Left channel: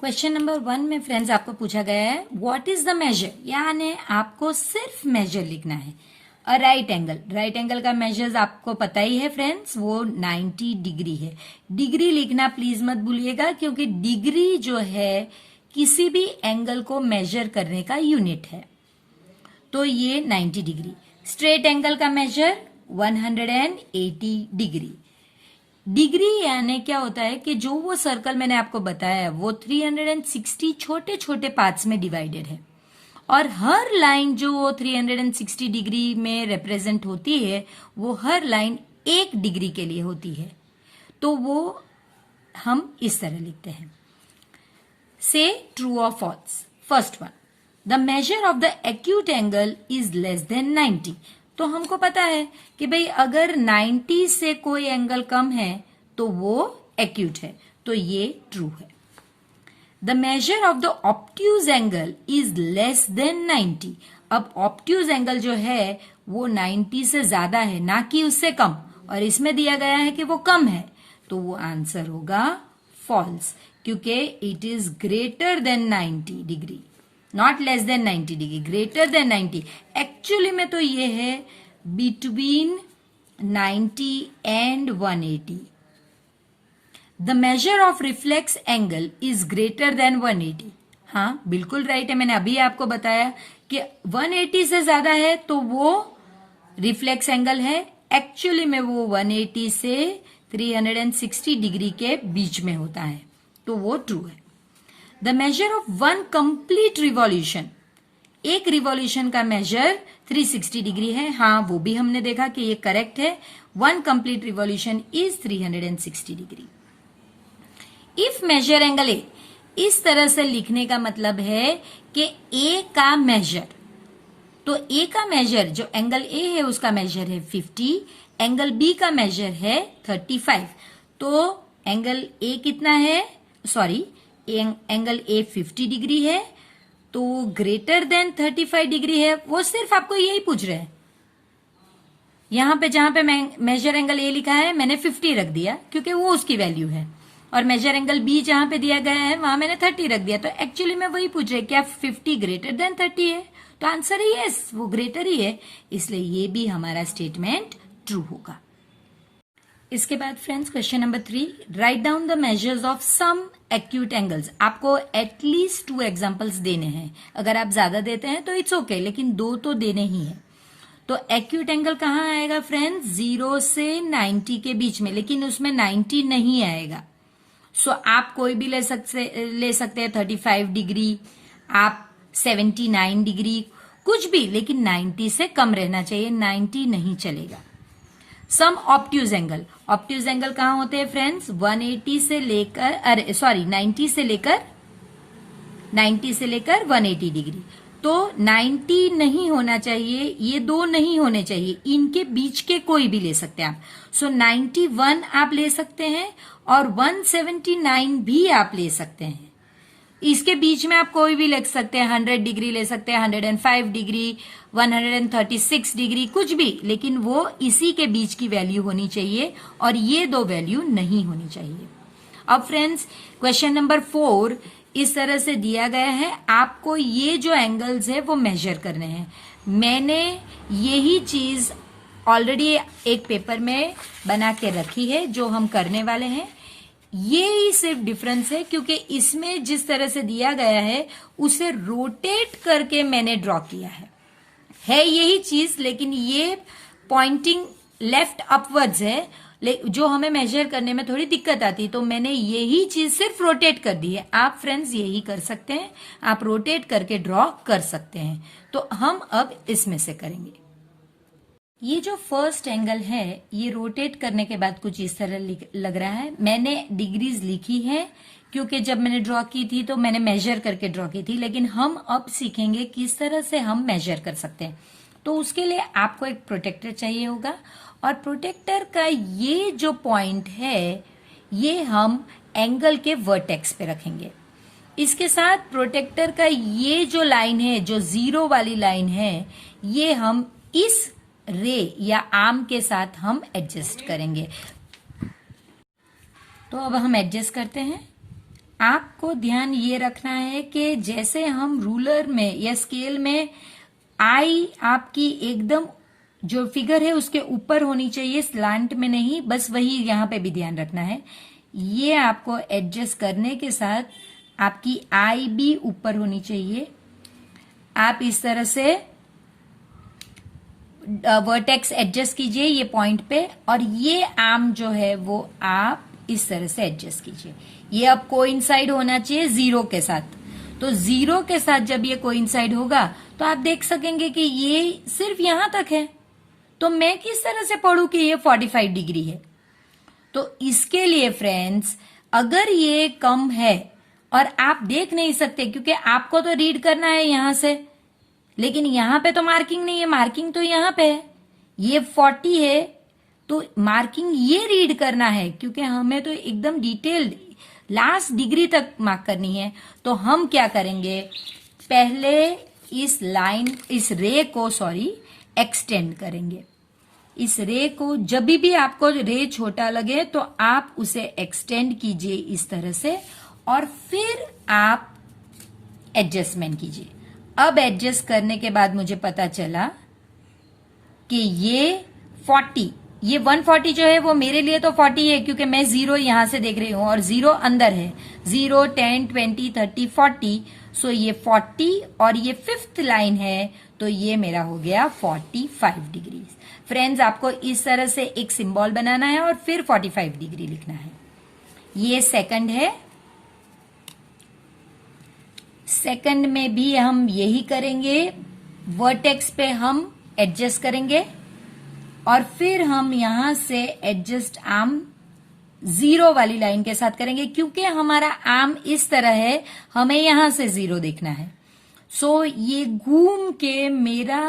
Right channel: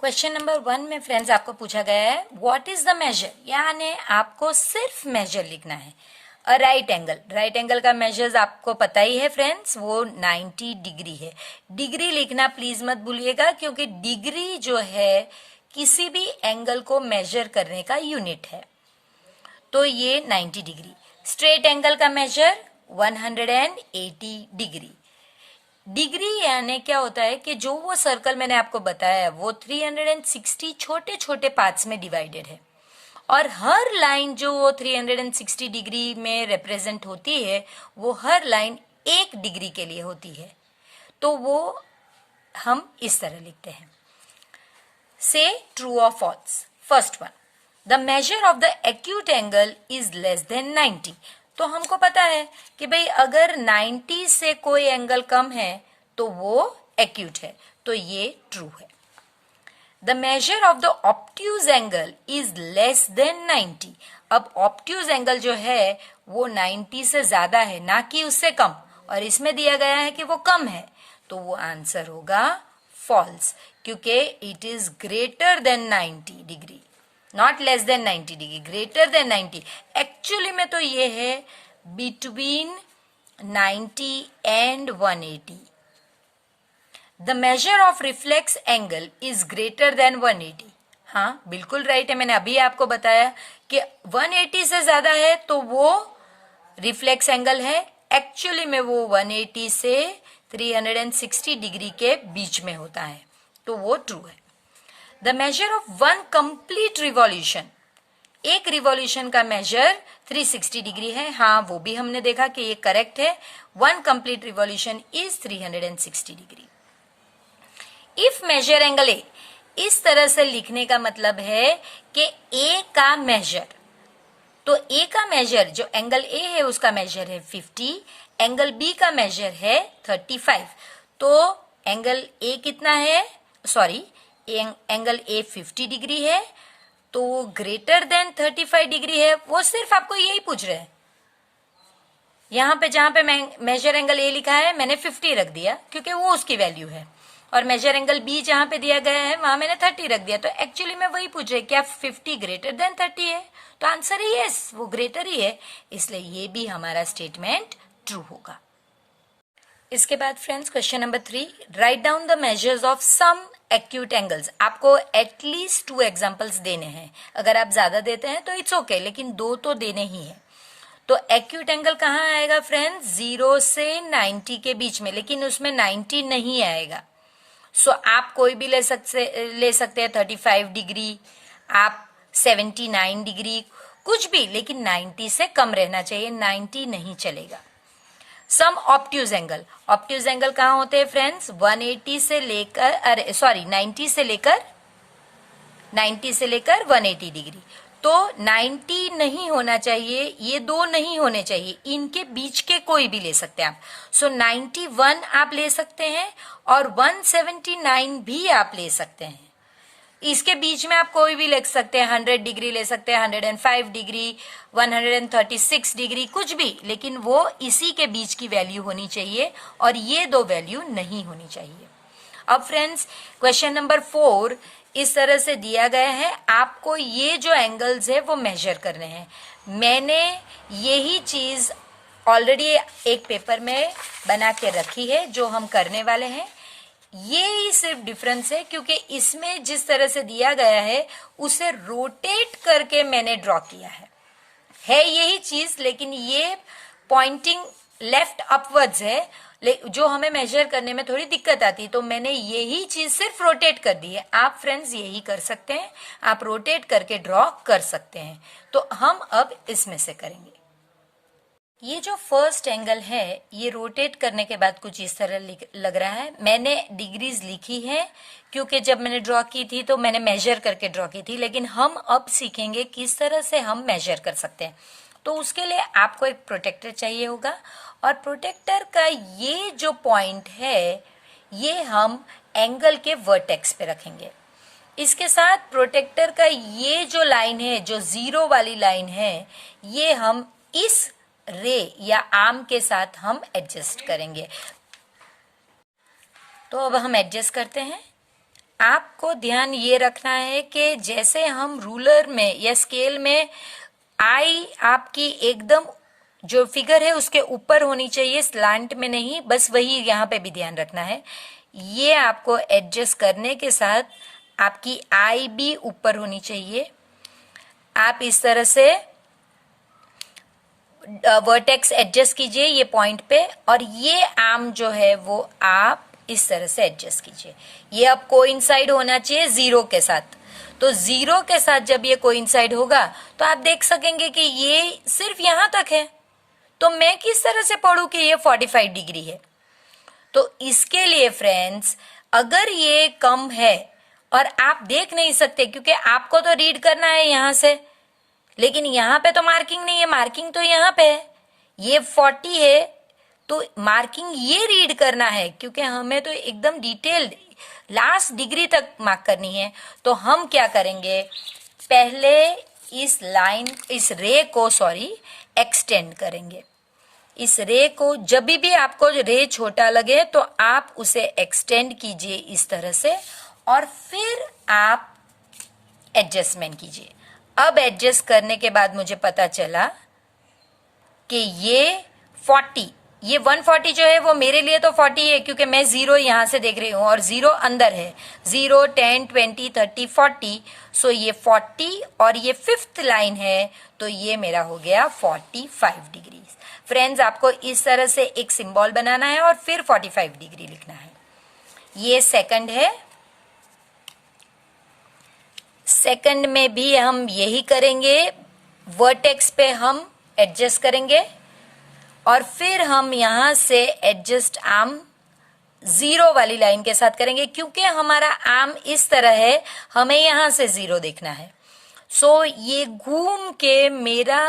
Question number 1 में friends आपको पूछा गया है व्हाट इज द मेजर, यानी आपको सिर्फ मेजर लिखना है। अ राइट एंगल का मेजर्स आपको पता ही है फ्रेंड्स, वो 90 डिग्री है। डिग्री लिखना प्लीज मत भूलिएगा, क्योंकि डिग्री जो है किसी भी एंगल को मेजर करने का यूनिट है। तो ये 90 डिग्री। स्ट्रेट एंगल का मेजर 180 डिग्री। डिग्री यानी क्या होता है कि जो वो सर्कल मैंने आपको बताया है वो 360 छोटे छोटे पार्ट्स में डिवाइडेड है, और हर लाइन जो वो 360 डिग्री में रिप्रेजेंट होती है वो हर लाइन 1 डिग्री के लिए होती है। तो वो हम इस तरह लिखते हैं, से ट्रू और false. First one, the measure of the acute angle is less than 90। तो हमको पता है कि भाई अगर 90 से कोई एंगल कम है तो वो एक्यूट है, तो ये ट्रू है। The measure of the obtuse angle is less than 90। अब ऑब्ट्यूज एंगल जो है वो 90 से ज्यादा है, ना कि उससे कम, और इसमें दिया गया है कि वो कम है, तो वो आंसर होगा फॉल्स, क्योंकि it is greater then 90 degree, not less than 90 degree, greater than 90। Actually में तो ये है between 90 and 180। The measure of reflex angle is greater then 180। हाँ बिल्कुल राइट है, मैंने अभी आपको बताया कि 180 से ज्यादा है तो वो रिफ्लेक्स एंगल है। एक्चुअली में वो 180 से 360 डिग्री के बीच में होता है, तो वो ट्रू है। The measure of one complete revolution, एक रिवॉल्यूशन का मेजर 360 डिग्री है। हाँ वो भी हमने देखा कि ये करेक्ट है, one complete revolution is 360 degree. If measure angle A, इस तरह से लिखने का मतलब है कि ए का मेजर, तो ए का मेजर जो एंगल ए है उसका मेजर है 50, एंगल बी का मेजर है 35। तो एंगल ए कितना है, सॉरी एंगल ए 50 डिग्री है, तो ग्रेटर देन 35 डिग्री है। वो सिर्फ आपको यही पूछ रहे हैं। यहां पे जहां पे मेजर एंगल ए लिखा है मैंने 50 रख दिया क्योंकि वो उसकी वैल्यू है, और मेजर एंगल बी जहां पे दिया गया है वहां मैंने 30 रख दिया। तो एक्चुअली में वही पूछ रहे क्या 50 ग्रेटर देन 30 है, तो आंसर ही यस, वो ग्रेटर ही है, इसलिए ये भी हमारा स्टेटमेंट ट्रू होगा। इसके बाद friends question number 3, write down the measures of some acute angles. आपको एटलीस्ट 2 एग्जांपल्स देने हैं, अगर आप ज्यादा देते हैं तो इट्स ओके, लेकिन 2 तो देने ही है। तो एक्यूट एंगल कहाँ आएगा फ्रेंड्स, 0 से 90 के बीच में, लेकिन उसमें 90 नहीं आएगा। सो आप कोई भी ले सकते हैं 35 डिग्री, आप 79 डिग्री, कुछ भी, लेकिन 90 से कम रहना चाहिए, 90 नहीं चलेगा। सम ऑब्ट्यूज एंगल, ऑब्ट्यूज एंगल कहाँ होते हैं फ्रेंड्स, 180 से लेकर 90 से लेकर 180 डिग्री। तो 90 नहीं होना चाहिए, ये 2 नहीं होने चाहिए, इनके बीच के कोई भी ले सकते हैं आप। सो 91 आप ले सकते हैं और 179 भी आप ले सकते हैं। इसके बीच में आप कोई भी ले सकते हैं, 100 डिग्री ले सकते हैं, 105 डिग्री, 136 डिग्री, कुछ भी, लेकिन वो इसी के बीच की वैल्यू होनी चाहिए और ये 2 वैल्यू नहीं होनी चाहिए। अब फ्रेंड्स क्वेश्चन नंबर 4 इस तरह से दिया गया है, आपको ये जो एंगल्स है वो मेजर करने हैं। मैंने यही चीज ऑलरेडी एक पेपर में बना के रखी है जो हम करने वाले हैं। ये ही सिर्फ डिफरेंस है, क्योंकि इसमें जिस तरह से दिया गया है उसे रोटेट करके मैंने ड्रॉ किया है यही चीज, लेकिन ये पॉइंटिंग लेफ्ट अपवर्ड्स है, जो हमें मेजर करने में थोड़ी दिक्कत आती है, तो मैंने यही चीज सिर्फ रोटेट कर दी है। आप फ्रेंड्स यही कर सकते हैं, आप रोटेट करके ड्रॉ कर सकते हैं। तो हम अब इसमें से करेंगे। ये जो फर्स्ट एंगल है ये रोटेट करने के बाद कुछ इस तरह लग रहा है। मैंने डिग्रीज लिखी है क्योंकि जब मैंने ड्रॉ की थी तो मैंने मेजर करके ड्रॉ की थी, लेकिन हम अब सीखेंगे किस तरह से हम मेजर कर सकते हैं। तो उसके लिए आपको एक प्रोटेक्टर चाहिए होगा, और प्रोटेक्टर का ये जो पॉइंट है ये हम एंगल के वर्टेक्स पे रखेंगे। इसके साथ प्रोटेक्टर का ये जो लाइन है, जो 0 वाली लाइन है, ये हम इस रे या आर्म के साथ हम एडजस्ट करेंगे। तो अब हम एडजस्ट करते हैं। आपको ध्यान ये रखना है कि जैसे हम रूलर में या स्केल में आई आपकी एकदम जो फिगर है उसके ऊपर होनी चाहिए, स्लांट में नहीं, बस वही यहाँ पे भी ध्यान रखना है। ये आपको एडजस्ट करने के साथ आपकी आई भी ऊपर होनी चाहिए। आप इस तरह से वर्टेक्स एडजस्ट कीजिए ये पॉइंट पे, और ये आर्म जो है वो आप इस तरह से एडजस्ट कीजिए। ये अब कोइंसाइड होना चाहिए जीरो के साथ। तो जीरो के साथ जब ये कोइंसाइड होगा तो आप देख सकेंगे कि ये सिर्फ यहां तक है, तो मैं किस तरह से पढ़ूं कि ये 45 डिग्री है। तो इसके लिए फ्रेंड्स, अगर ये कम है और आप देख नहीं सकते क्योंकि आपको तो रीड करना है यहां से, लेकिन यहां पे तो मार्किंग नहीं है, मार्किंग तो यहां पे है, ये 40 है, तो मार्किंग ये रीड करना है क्योंकि हमें तो एकदम डिटेल्ड लास्ट डिग्री तक मार्क करनी है। तो हम क्या करेंगे, पहले इस लाइन, इस रे को एक्सटेंड करेंगे। इस रे को जब भी आपको रे छोटा लगे तो आप उसे एक्सटेंड कीजिए इस तरह से, और फिर आप एडजस्टमेंट कीजिए। अब एडजस्ट करने के बाद मुझे पता चला कि ये 40, ये 140 जो है वो मेरे लिए तो 40 है क्योंकि मैं जीरो यहां से देख रही हूं और जीरो अंदर है, 0, 10, 20, 30, 40। सो ये 40 और ये फिफ्थ लाइन है, तो ये मेरा हो गया 45 डिग्री। फ्रेंड्स, आपको इस तरह से एक सिंबल बनाना है और फिर 45 डिग्री लिखना है। ये सेकंड है, सेकंड में भी हम यही करेंगे। वर्टेक्स पे हम एडजस्ट करेंगे और फिर हम यहां से एडजस्ट आर्म जीरो वाली लाइन के साथ करेंगे क्योंकि हमारा आर्म इस तरह है, हमें यहां से जीरो देखना है। सो ये घूम के मेरा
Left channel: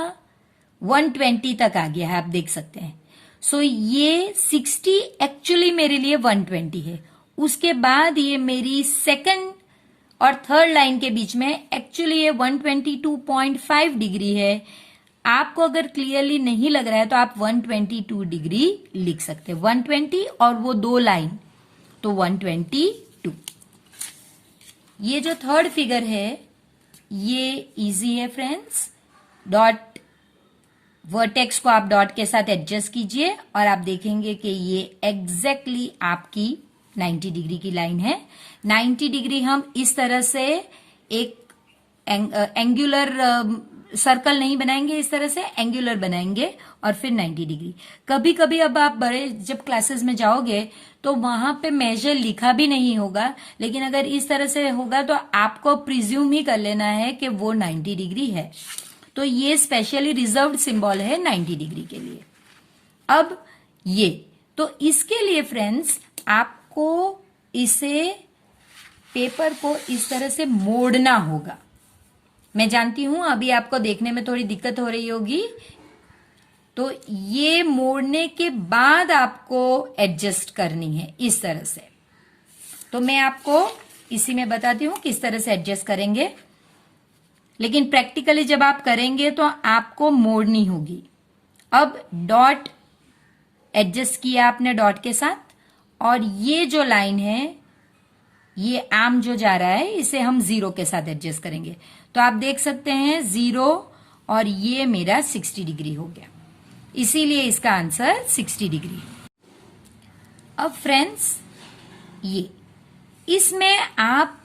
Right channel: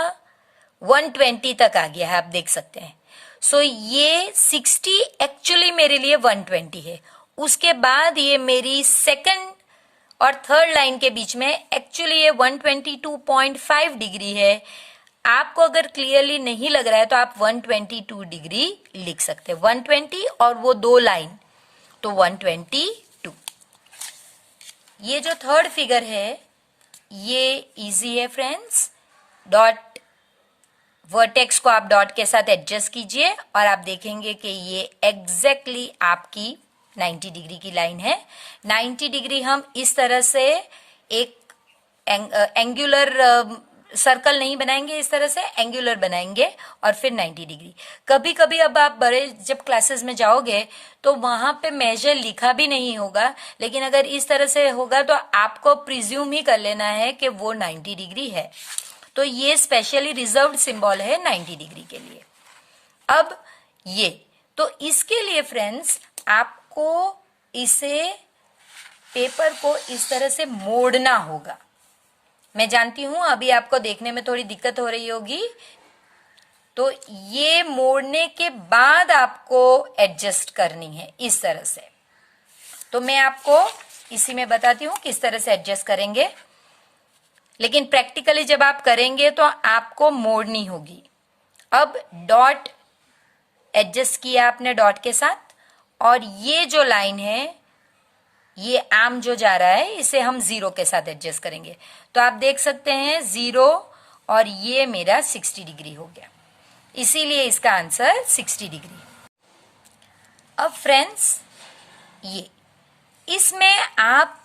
120 तक आ गया है, आप देख सकते हैं। सो ये 60 एक्चुअली मेरे लिए 120 है। उसके बाद ये मेरी सेकंड और थर्ड लाइन के बीच में एक्चुअली ये 122.5 डिग्री है। आपको अगर क्लियरली नहीं लग रहा है तो आप 122 डिग्री लिख सकते हैं, 120 और वो दो लाइन, तो 122। ये जो थर्ड फिगर है ये इजी है फ्रेंड्स। डॉट, वर्टेक्स को आप डॉट के साथ एडजस्ट कीजिए और आप देखेंगे कि ये एग्जैक्टली आपकी 90 डिग्री की लाइन है। 90 डिग्री हम इस तरह से एक एंगुलर सर्कल नहीं बनाएंगे, इस तरह से एंगुलर बनाएंगे और फिर 90 डिग्री। कभी कभी अब आप बड़े जब क्लासेस में जाओगे तो वहां पे मेजर लिखा भी नहीं होगा, लेकिन अगर इस तरह से होगा तो आपको प्रिज्यूम ही कर लेना है कि वो 90 डिग्री है। तो ये स्पेशली रिजर्व्ड सिंबल है 90 डिग्री के लिए। अब ये, तो इसके लिए फ्रेंड्स आपको इसे, पेपर को इस तरह से मोड़ना होगा। मैं जानती हूं अभी आपको देखने में थोड़ी दिक्कत हो रही होगी, तो ये मोड़ने के बाद आपको एडजस्ट करनी है इस तरह से। तो मैं आपको इसी में बताती हूं किस तरह से एडजस्ट करेंगे, लेकिन प्रैक्टिकली जब आप करेंगे तो आपको मोड़नी होगी। अब डॉट एडजस्ट किया आपने डॉट के साथ, और ये जो लाइन है, ये आर्म जो जा रहा है, इसे हम जीरो के साथ एडजस्ट करेंगे। तो आप देख सकते हैं 0 और ये मेरा 60 डिग्री हो गया, इसीलिए इसका आंसर 60 डिग्री। अब फ्रेंड्स, ये इसमें आप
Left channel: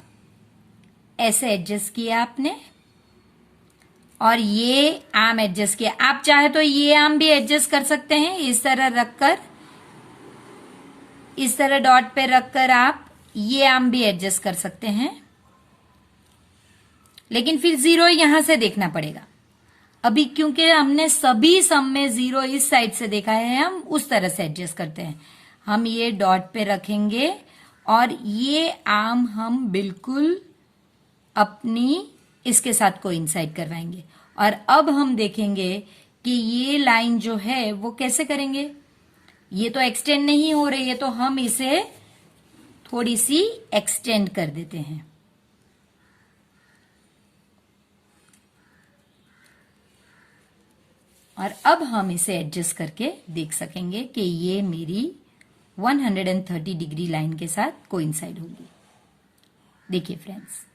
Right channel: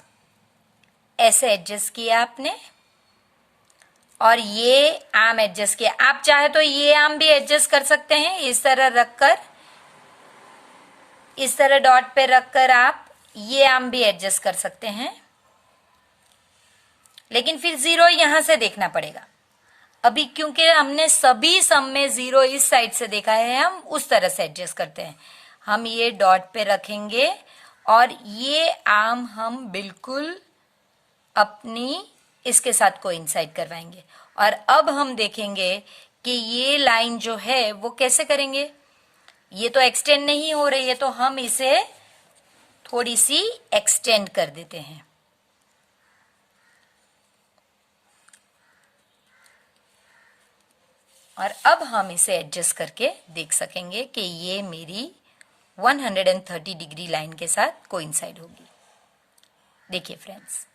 ऐसे एडजस्ट किया आपने और ये आर्म एडजस्ट किया। आप चाहे तो ये आर्म भी एडजस्ट कर सकते हैं, इस तरह रखकर, इस तरह डॉट पे रखकर आप ये आर्म भी एडजस्ट कर सकते हैं, लेकिन फिर जीरो यहां से देखना पड़ेगा। अभी क्योंकि हमने सभी सम में जीरो इस साइड से देखा है, हम उस तरह से एडजस्ट करते हैं। हम ये डॉट पे रखेंगे और ये आर्म हम बिल्कुल अपनी इसके साथ कोइंसाइड करवाएंगे। और अब हम देखेंगे कि ये लाइन जो है वो कैसे करेंगे। ये तो एक्सटेंड नहीं हो रही है, तो हम इसे थोड़ी सी एक्सटेंड कर देते हैं। और अब हम इसे एडजस्ट करके देख सकेंगे कि ये मेरी 130 डिग्री लाइन के साथ कोइंसाइड होगी। देखिए फ्रेंड्स,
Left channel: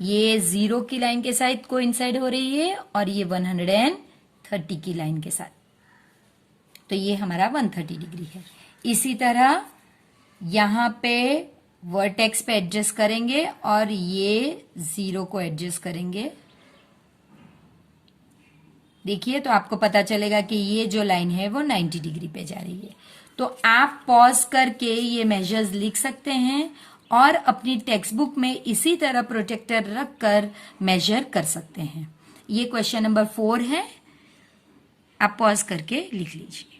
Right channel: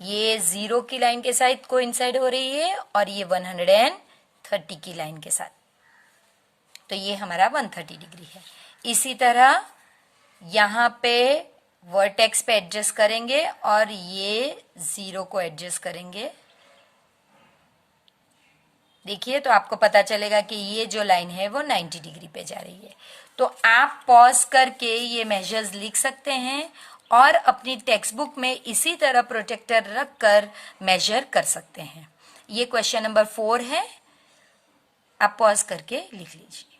ये 0 की लाइन के साथ कोइंसाइड हो रही है और ये 130 की लाइन के साथ, तो ये हमारा 130 डिग्री है। इसी तरह यहां पे वर्टेक्स पे एडजस्ट करेंगे और ये 0 को एडजस्ट करेंगे। देखिए तो आपको पता चलेगा कि ये जो लाइन है वो 90 डिग्री पे जा रही है। तो आप पॉज करके ये मेजर्स लिख सकते हैं और अपनी टेक्स्ट बुक में इसी तरह प्रोटेक्टर रखकर मेजर कर सकते हैं। ये क्वेश्चन नंबर 4 है, आप पॉज करके लिख लीजिए।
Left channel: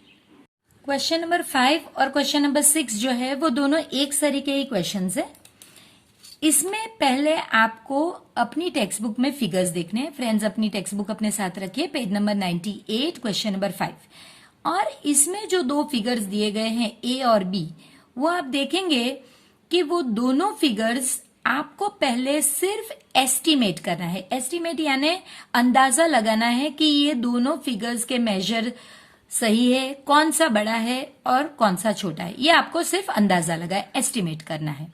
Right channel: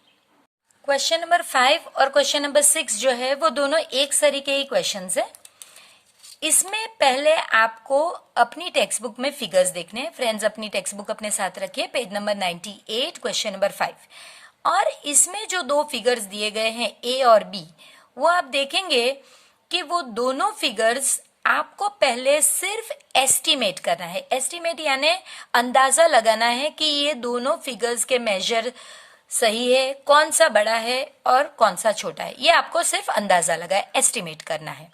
क्वेश्चन नंबर 5 और क्वेश्चन नंबर 6 जो है वो दोनों एक तरीके ही क्वेश्चंस है। इसमें पहले आपको अपनी टेक्स्ट बुक में फिगर्स देखने हैं। फ्रेंड्स, अपनी टेक्स्ट बुक अपने साथ रखिए, पेज नंबर 98, क्वेश्चन नंबर 5। और इसमें जो 2 फिगर्स दिए गए हैं ए और बी, वो आप देखेंगे कि वो दोनों फिगर्स आपको पहले सिर्फ एस्टिमेट करना है। एस्टिमेट यानी अंदाजा लगाना है कि ये दोनों फिगर्स के मेजर सही है, कौन सा बड़ा है और कौन सा छोटा है, ये आपको सिर्फ अंदाजा लगा है, एस्टिमेट करना है।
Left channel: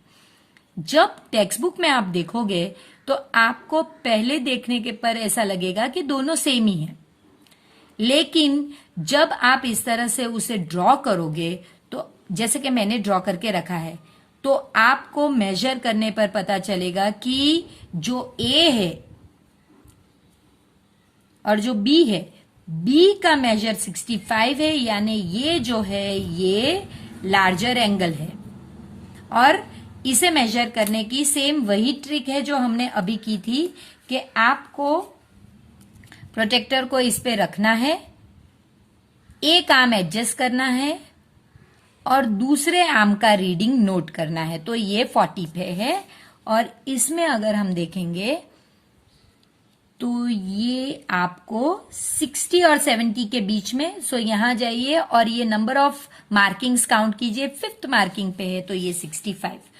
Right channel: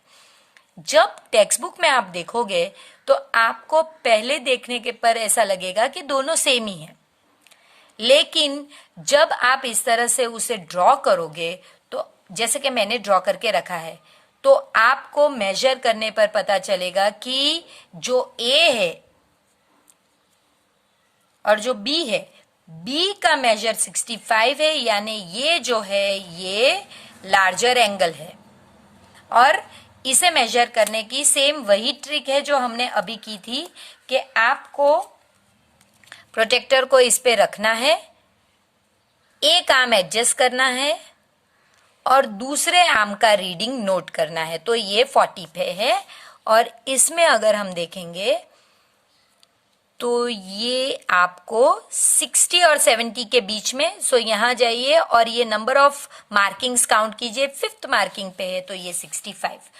जब टेक्स्ट बुक में आप देखोगे तो आपको पहले देखने के पर ऐसा लगेगा कि दोनों सेम ही हैं, लेकिन जब आप इस तरह से उसे ड्रॉ करोगे, तो जैसे कि मैंने ड्रॉ करके रखा है, तो आपको मेजर करने पर पता चलेगा कि जो ए है और जो बी है, बी का मेजर 65 है, यानी ये जो है ये लार्जर एंगल है। और इसे मेजर करने की सेम वही ट्रिक है जो हमने अभी की थी कि आपको प्रोटेक्टर को इस पे रखना है, एक आर्म एडजस्ट करना है और दूसरे आर्म का रीडिंग नोट करना है। तो ये 40 पे है और इसमें अगर हम देखेंगे तो ये आपको 60 और 70 के बीच में, सो यहां जाइए और ये नंबर ऑफ मार्किंग्स काउंट कीजिए, 5th मार्किंग पे है तो ये 65।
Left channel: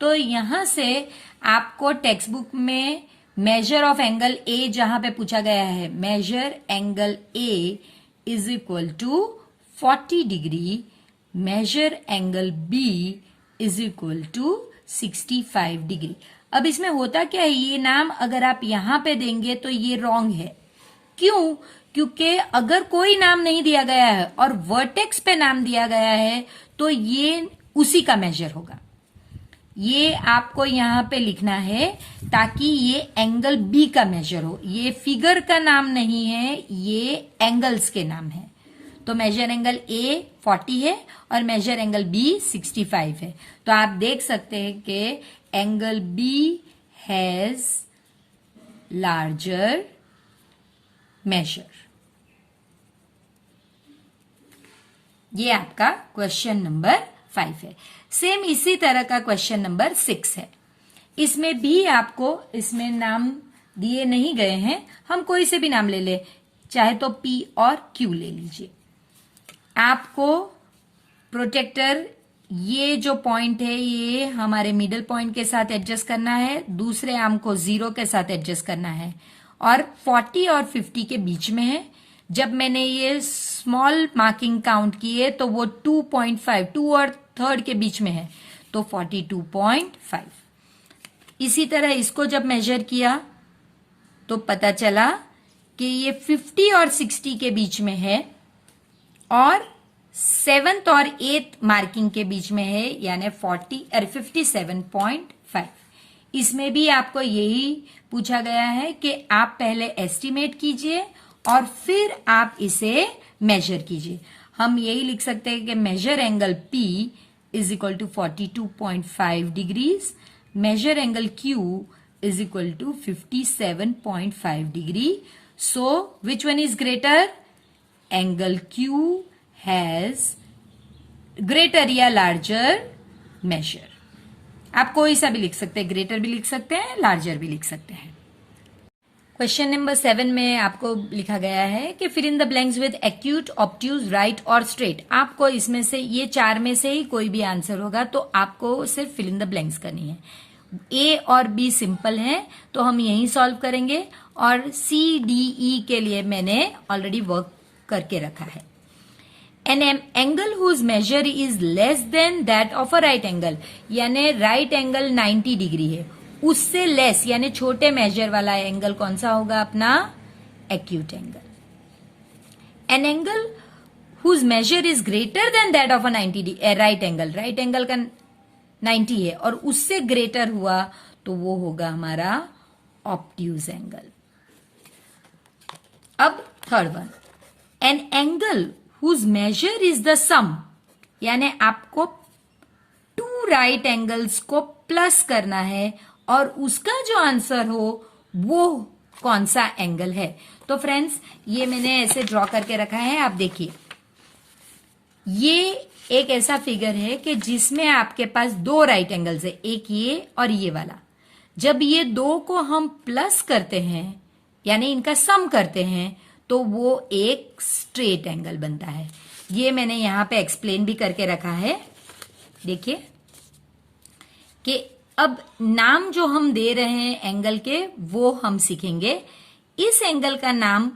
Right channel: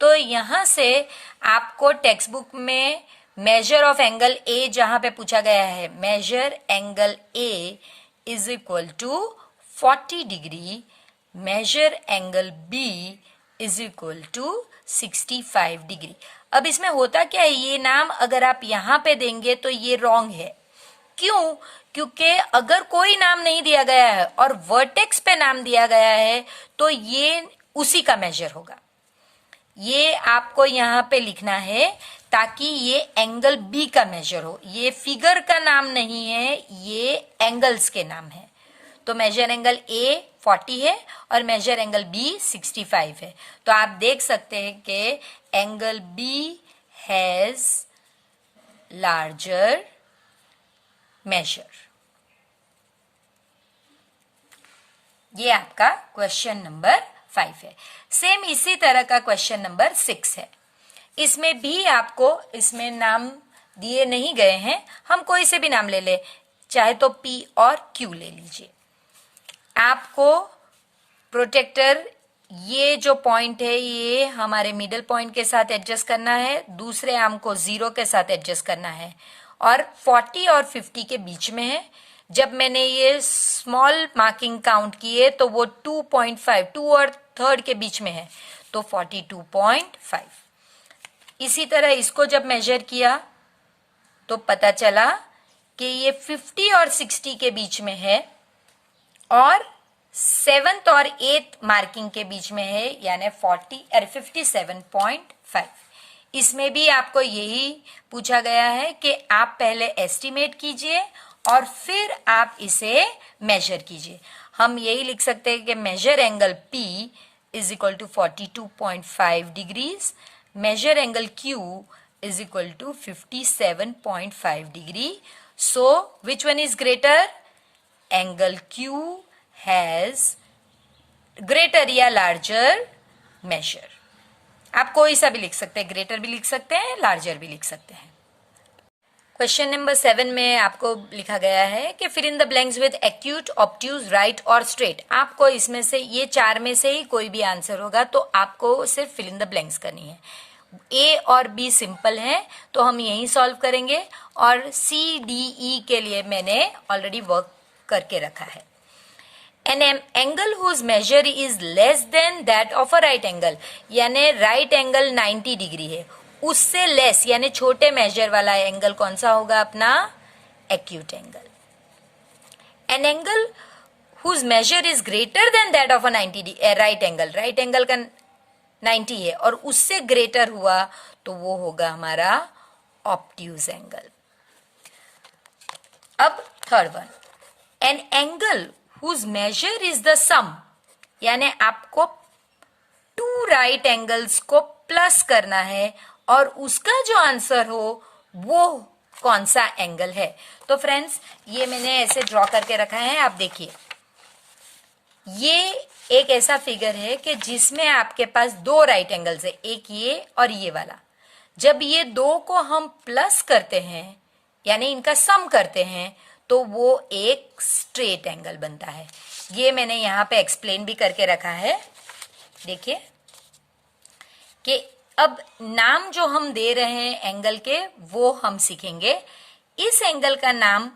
तो यहां से आपको टेक्स्ट बुक में मेजर ऑफ एंगल ए जहां पे पूछा गया है, measure angle A is equal to 40 degree, measure angle B is equal to 65 degree. अब इसमें होता क्या है, ये नाम अगर आप यहां पे देंगे तो ये रॉन्ग है। क्यों? क्योंकि अगर कोई नाम नहीं दिया गया है और वर्टेक्स पे नाम दिया गया है तो ये उसी का मेजर होगा। ये आपको यहां पे लिखना है ताकि ये एंगल बी का मेजर हो। ये फिगर का नाम नहीं है, ये एंगल्स के नाम है। तो मेजर एंगल ए 40 है और मेजर एंगल बी 65 है। तो आप देख सकते हैं कि angle B has larger measure. ये आपका क्वेश्चन नंबर 5 है। सेम इसी तरह का क्वेश्चन नंबर 6 है। इसमें भी आपको, इसमें नाम दिए नहीं गए हैं, हम कोई से भी नाम ले ले, चाहे तो P और Q ले लीजिए। आपको प्रोटेक्टर, ये जो पॉइंट है ये हमारे मिडल पॉइंट के साथ एडजस्ट करना है, दूसरे आर्म को 0 के साथ एडजस्ट करना है और 40 और 50 के बीच में है। जब मैंने ये स्मॉल मार्किंग काउंट किए तो वो 2.5, 2 और 3rd के बीच में है, तो 42.5। इसी तरह इसको जब मेजर किया तो पता चला कि ये 50 और 60 के बीच में है और 7th और 8th मार्किंग के बीच में है, यानी 57.5। इसमें भी आपको यही पूछा गया है कि आप पहले एस्टिमेट कीजिए और फिर आप इसे मेजर कीजिए। हम यही लिख सकते हैं कि measure angle P is equal to 42.5 degrees, measure angle Q is equal to 57.5 degree. So which one is greater? Angle Q has greater या लार्जर मेजर। आप कोई सा भी लिख सकते हैं, ग्रेटर भी लिख सकते हैं, लार्जर भी लिख सकते हैं। क्वेश्चन नंबर 7 में आपको लिखा गया है कि fill in the blanks with acute, obtuse, right और स्ट्रेट। आपको इसमें से ये 4 में से ही कोई भी आंसर होगा, तो आपको सिर्फ फिल इन द ब्लैंक्स करनी है। ए और बी सिंपल है तो हम यही सॉल्व करेंगे और सी डी ई के लिए मैंने ऑलरेडी वर्क करके रखा है। An angle whose measure is less than that of a right angle, यानी राइट एंगल 90 डिग्री है, उससे लेस यानी छोटे मेजर वाला एंगल कौन सा होगा अपना? Acute angle. An angle whose measure is greater than that of a 90 right angle, right angle का 90 है और उससे ग्रेटर हुआ तो वो होगा हमारा ऑब्ट्यूज एंगल. अब third one, an angle whose measure is the sum, यानी आपको टू राइट एंगल्स को प्लस करना है और उसका जो आंसर हो वो कौन सा एंगल है. तो फ्रेंड्स ये मैंने ऐसे ड्रॉ करके रखा है, आप देखिए. ये एक ऐसा फिगर है कि जिसमें आपके पास दो राइट एंगल्स है, एक ये और ये वाला. जब ये दो को हम प्लस करते हैं यानी इनका सम करते हैं तो वो एक स्ट्रेट एंगल बनता है. ये मैंने यहां पे एक्सप्लेन भी करके रखा है. देखिए कि अब नाम जो हम दे रहे हैं एंगल के वो हम सीखेंगे. इस एंगल का नाम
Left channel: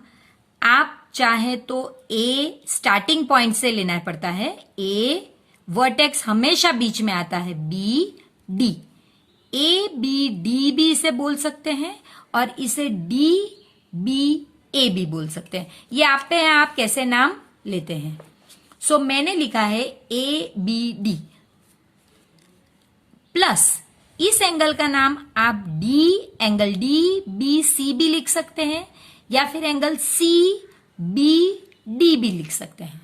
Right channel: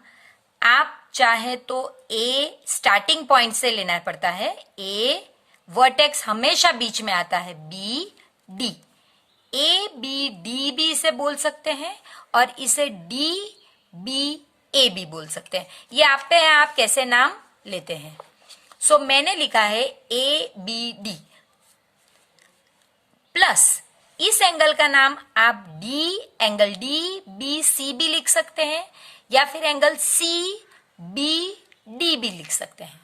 आप चाहे तो ए स्टार्टिंग पॉइंट से लेना पड़ता है, ए वर्टेक्स हमेशा बीच में आता है, B D, A B D भी इसे बोल सकते हैं और इसे डी बी ए भी बोल सकते हैं. ये आप पे है आप कैसे नाम लेते हैं. सो मैंने लिखा है ए बी डी प्लस इस एंगल का नाम आप D angle D B C भी लिख सकते हैं या फिर एंगल सी बी डी भी लिख सकते हैं.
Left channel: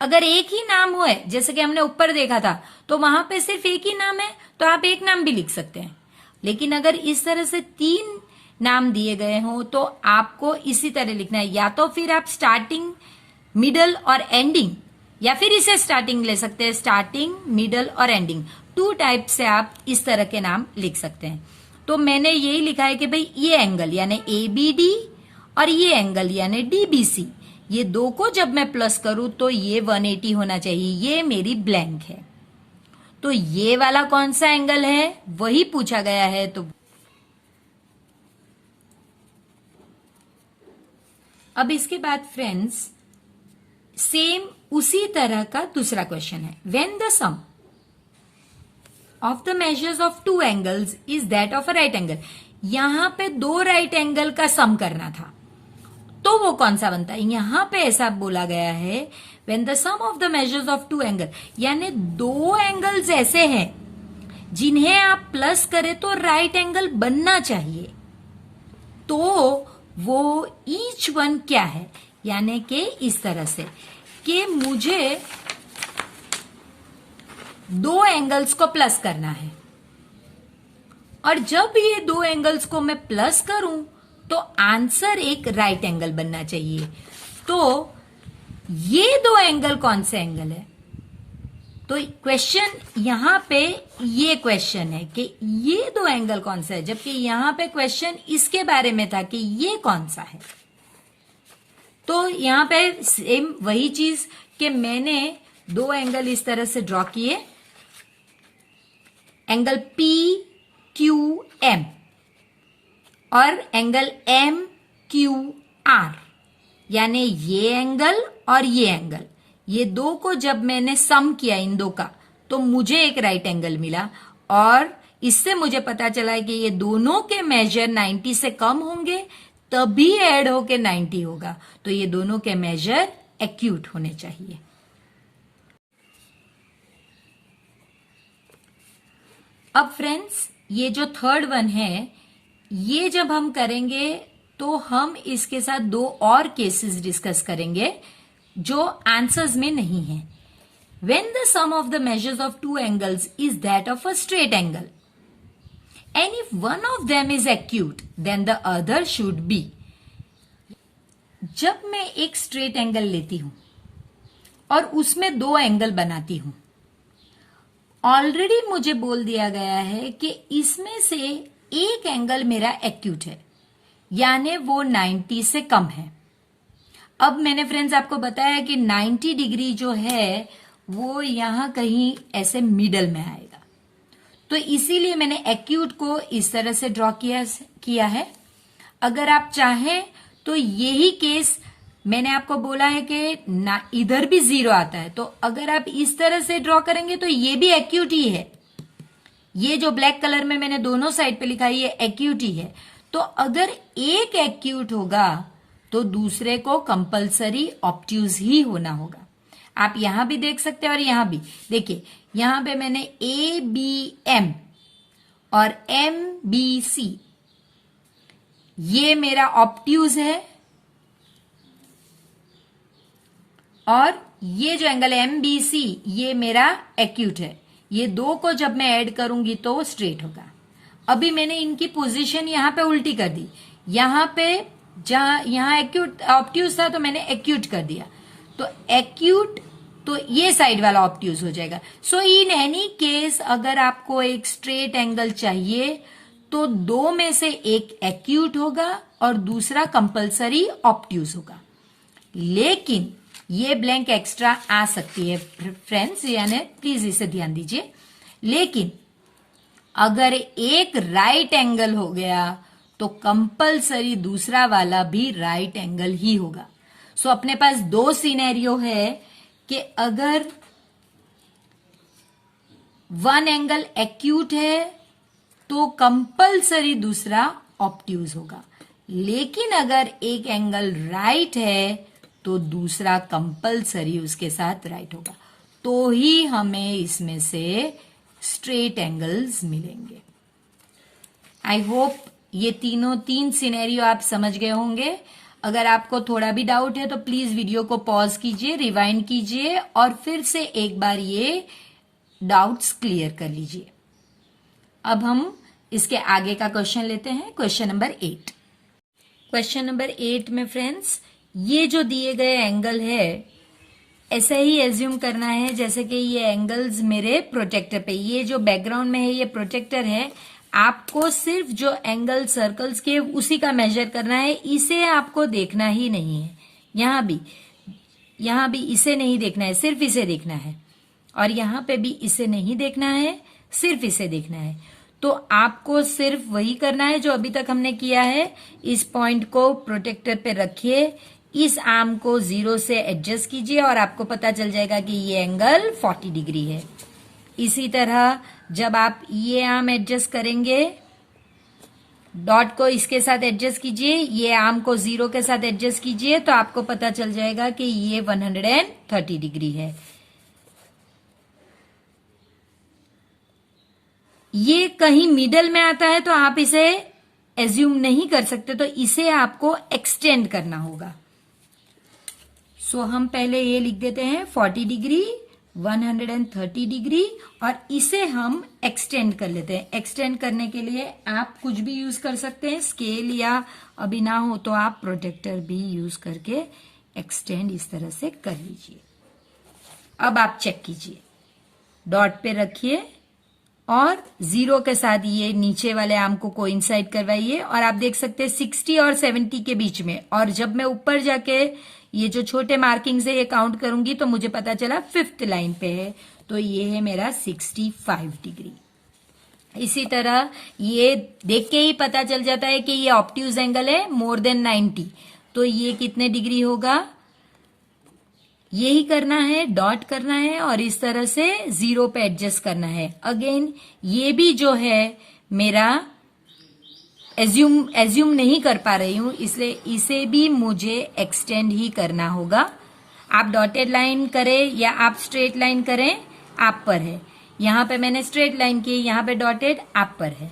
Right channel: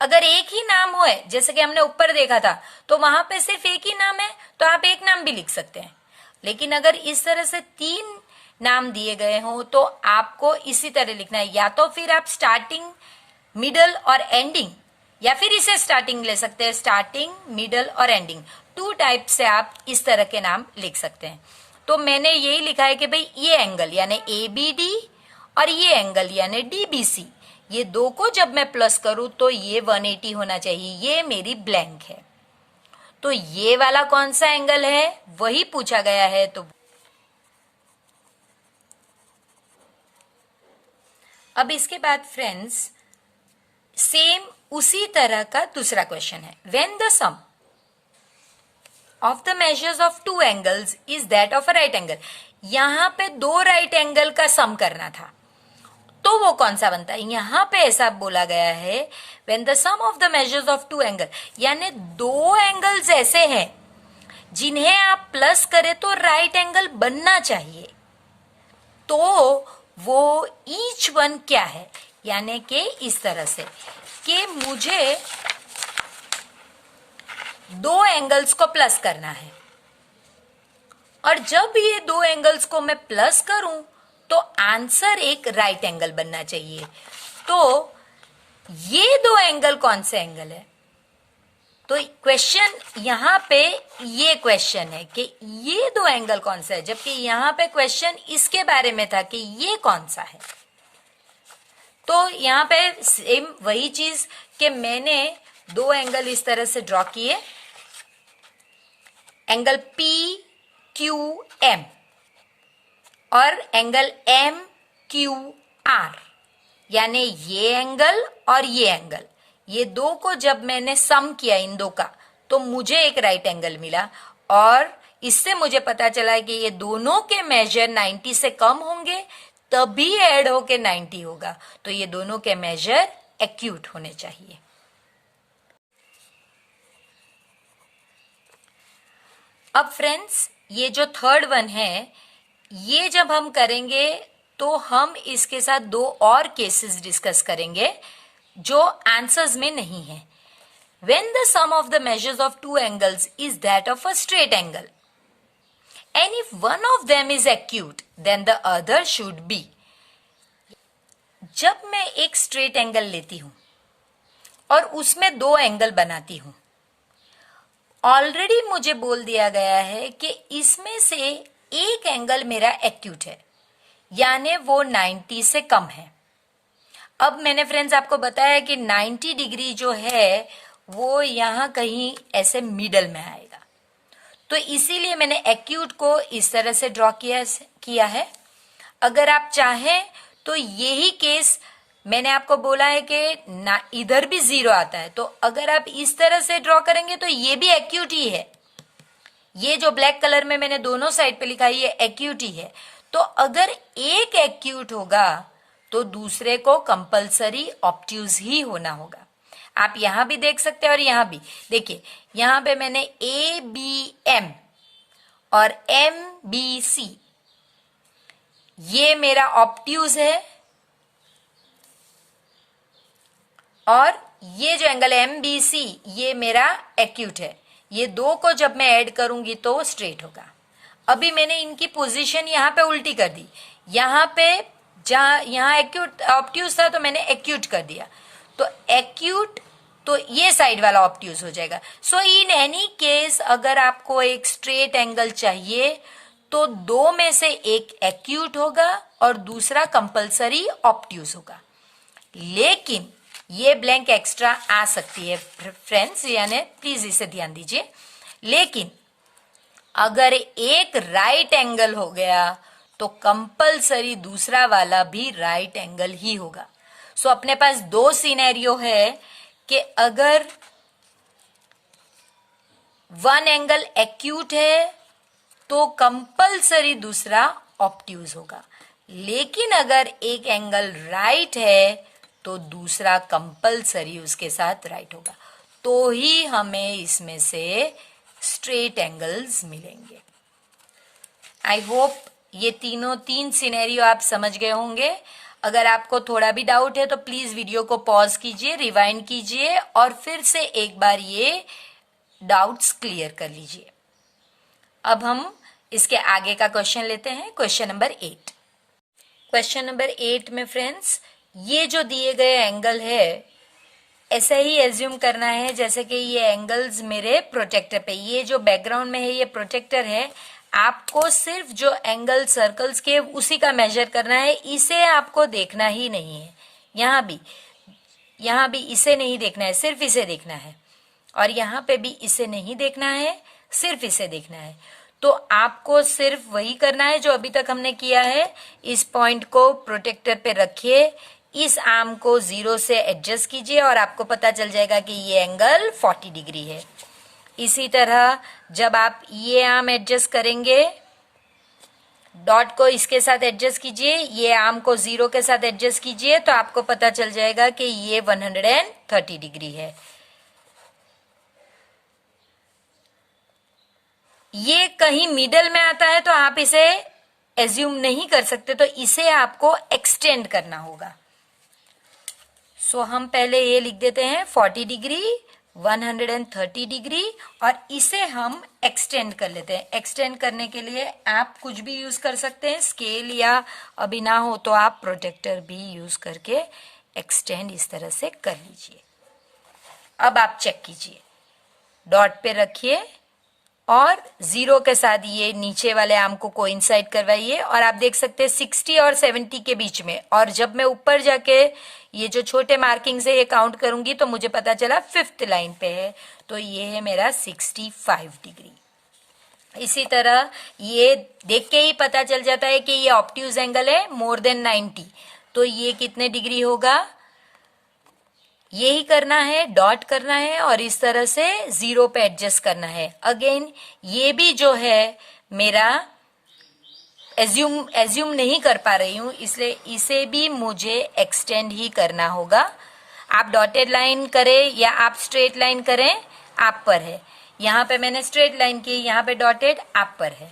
अगर एक ही नाम हो जैसे कि हमने ऊपर देखा था तो वहां पे सिर्फ एक ही नाम है तो आप एक नाम भी लिख सकते हैं. लेकिन अगर इस तरह से तीन नाम दिए गए हो तो आपको इसी तरह लिखना है. या तो फिर आप स्टार्टिंग मिडल और एंडिंग, या फिर इसे स्टार्टिंग ले सकते हैं, स्टार्टिंग मिडल और एंडिंग, टू टाइप से आप इस तरह के नाम लिख सकते हैं. तो मैंने यही लिखा है कि भाई ये एंगल यानी ए बी डी और ये एंगल यानी डी बी सी, ये दो को जब मैं प्लस करूं तो ये 180 होना चाहिए. ये मेरी ब्लैंक है. तो ये वाला कौन सा एंगल है वही पूछा गया है. तो अब इसके बाद फ्रेंड्स सेम उसी तरह का दूसरा क्वेश्चन है. When the sum of the measures of two angles is that of a right angle, यहां पे दो राइट एंगल का सम करना था तो वो कौन सा बनता है. यहां पे ऐसा बोला गया है when the sum of the measures of two angle, यानी दो एंगल्स ऐसे हैं जिन्हें आप प्लस करें तो राइट एंगल बनना चाहिए. तो वो ईच वन क्या है, यानी कि इस तरह से कि मुझे दो एंगल्स को प्लस करना है और जब ये दो एंगल्स को मैं प्लस करूं तो आंसर एक राइट एंगल बनना चाहिए. तो ये दो एंगल कौन से एंगल है. तो क्वेश्चन यहां पे ये क्वेश्चन है कि ये दो एंगल कौन सा है, जबकि यहां पे क्वेश्चन इसके बारे में था कि ये कौन सा है. तो यहां पे सेम वही चीज कि मैंने दो एंगल इस तरह से ड्रॉ किए, एंगल पी क्यू एम और एंगल एम क्यू आर, यानी ये एंगल और ये एंगल, ये दो को जब मैंने सम किया इन दो का तो मुझे एक राइट एंगल मिला. और इससे मुझे पता चला कि ये दोनों के मेजर 90 से कम होंगे तभी ऐड होके 90 होगा. तो ये दोनों के मेजर एक्यूट होने चाहिए. अब फ्रेंड्स ये जो थर्ड वन है ये जब हम करेंगे तो हम इसके साथ दो और केसेस डिस्कस करेंगे जो आंसर्स में नहीं है. When the sum of the measures of two angles is that of a straight angle, and if one of them is acute, then the other should be. जब मैं एक स्ट्रेट एंगल लेती हूं और उसमें दो एंगल बनाती हूं, ऑलरेडी मुझे बोल दिया गया है कि इसमें से एक एंगल मेरा एक्यूट है, यानी वो 90 से कम है. अब मैंने फ्रेंड्स आपको बताया कि 90 डिग्री जो है वो यहां कहीं ऐसे मिडल में आएगा. तो इसीलिए मैंने एक्यूट को इस तरह से ड्रॉ किया है. अगर आप चाहें तो यही केस मैंने आपको बोला है कि ना इधर भी 0 आता है, तो अगर आप इस तरह से ड्रॉ करेंगे तो ये भी एक्यूट ही है। ये जो ब्लैक कलर में मैंने दोनों साइड पे लिखा है ये एक्यूट ही है। तो अगर एक एक्यूट होगा तो दूसरे को कंपलसरी ऑब्ट्यूज ही होना होगा। आप यहां भी देख सकते हैं और यहां भी देखिए, यहां पे मैंने ए बी एम और एम बी सी, ये मेरा ऑब्ट्यूज है, और ये जो एंगल एम बी सी ये मेरा एक्यूट है। ये दो को जब मैं ऐड करूंगी तो वो स्ट्रेट होगा। अभी मैंने इनकी पोजीशन यहां पे उल्टी कर दी। यहां पे जहां यहां एक्यूट ऑब्ट्यूज था तो मैंने एक्यूट कर दिया, तो एक्यूट तो ये साइड वाला ऑब्ट्यूज हो जाएगा। सो इन एनी केस अगर आपको एक स्ट्रेट एंगल चाहिए तो दो में से एक एक्यूट होगा और दूसरा कंपलसरी ऑब्ट्यूज होगा। लेकिन ये ब्लैंक एक्स्ट्रा आ सकती है फ्रेंड्स, यानी प्लीज इसे ध्यान दीजिए। लेकिन अगर एक राइट एंगल हो गया तो कंपलसरी दूसरा वाला भी राइट एंगल ही होगा। सो अपने पास दो सिनेरियो है कि अगर वन एंगल एक्यूट है तो कंपलसरी दूसरा ऑब्ट्यूज होगा, लेकिन अगर एक एंगल राइट है तो दूसरा कंपलसरी उसके साथ राइट होगा, तो ही हमें इसमें से स्ट्रेट एंगल्स मिलेंगे। आई होप ये तीन सिनेरियो आप समझ गए होंगे। अगर आपको थोड़ा भी डाउट है तो प्लीज वीडियो को पॉज कीजिए, रिवाइंड कीजिए और फिर से एक बार ये डाउट्स क्लियर कर लीजिए। अब हम इसके आगे का क्वेश्चन लेते हैं, क्वेश्चन नंबर 8। क्वेश्चन नंबर 8 में फ्रेंड्स ये जो दिए गए एंगल है ऐसा ही एज्यूम करना है जैसे कि ये एंगल्स मेरे प्रोटेक्टर पे, ये जो बैकग्राउंड में है ये प्रोटेक्टर है। आपको सिर्फ जो एंगल सर्कल्स के उसी का मेजर करना है, इसे आपको देखना ही नहीं है। यहां भी इसे नहीं देखना है, सिर्फ इसे देखना है, और यहां पे भी इसे नहीं देखना है, सिर्फ इसे देखना है। तो आपको सिर्फ वही करना है जो अभी तक हमने किया है। इस पॉइंट को प्रोटेक्टर पे रखिए, इस आर्म को 0 से एडजस्ट कीजिए और आपको पता चल जाएगा कि ये एंगल 40 डिग्री है। इसी तरह जब आप ये आर्म एडजस्ट करेंगे, डॉट को इसके साथ एडजस्ट कीजिए, ये आर्म को 0 के साथ एडजस्ट कीजिए, तो आपको पता चल जाएगा कि ये 130 डिग्री है। ये कहीं मिडल में आता है तो आप इसे एज्यूम नहीं कर सकते, तो इसे आपको एक्सटेंड करना होगा। सो हम पहले ये लिख देते हैं 40 डिग्री, 130 डिग्री, और इसे हम एक्सटेंड कर लेते हैं। एक्सटेंड करने के लिए आप कुछ भी यूज कर सकते हैं, स्केल, या अभी ना हो तो आप प्रोटेक्टर भी यूज करके एक्सटेंड इस तरह से कर लीजिए। अब आप चेक कीजिए, डॉट पे रखिए और 0 के साथ ये नीचे वाले आर्म को कोइंसाइड करवाइए, और आप देख सकते हैं 60 और 70 के बीच में। और जब मैं ऊपर जाके ये जो छोटे मार्किंग से ये काउंट करूंगी तो मुझे पता चला 5th लाइन पे है, तो ये है मेरा 65 डिग्री। इसी तरह ये देख के ही पता चल जाता है कि ये ऑब्ट्यूज एंगल है मोर देन 90, तो ये कितने डिग्री होगा, यही करना है, डॉट करना है और इस तरह से 0 पे एडजस्ट करना है। अगेन ये भी जो है मेरा एज्यूम नहीं कर पा रही हूं, इसलिए इसे भी मुझे एक्सटेंड ही करना होगा। आप डॉटेड लाइन करें या आप स्ट्रेट लाइन करें, आप पर है। यहां पे मैंने स्ट्रेट लाइन की, यहां पे डॉटेड, आप पर है।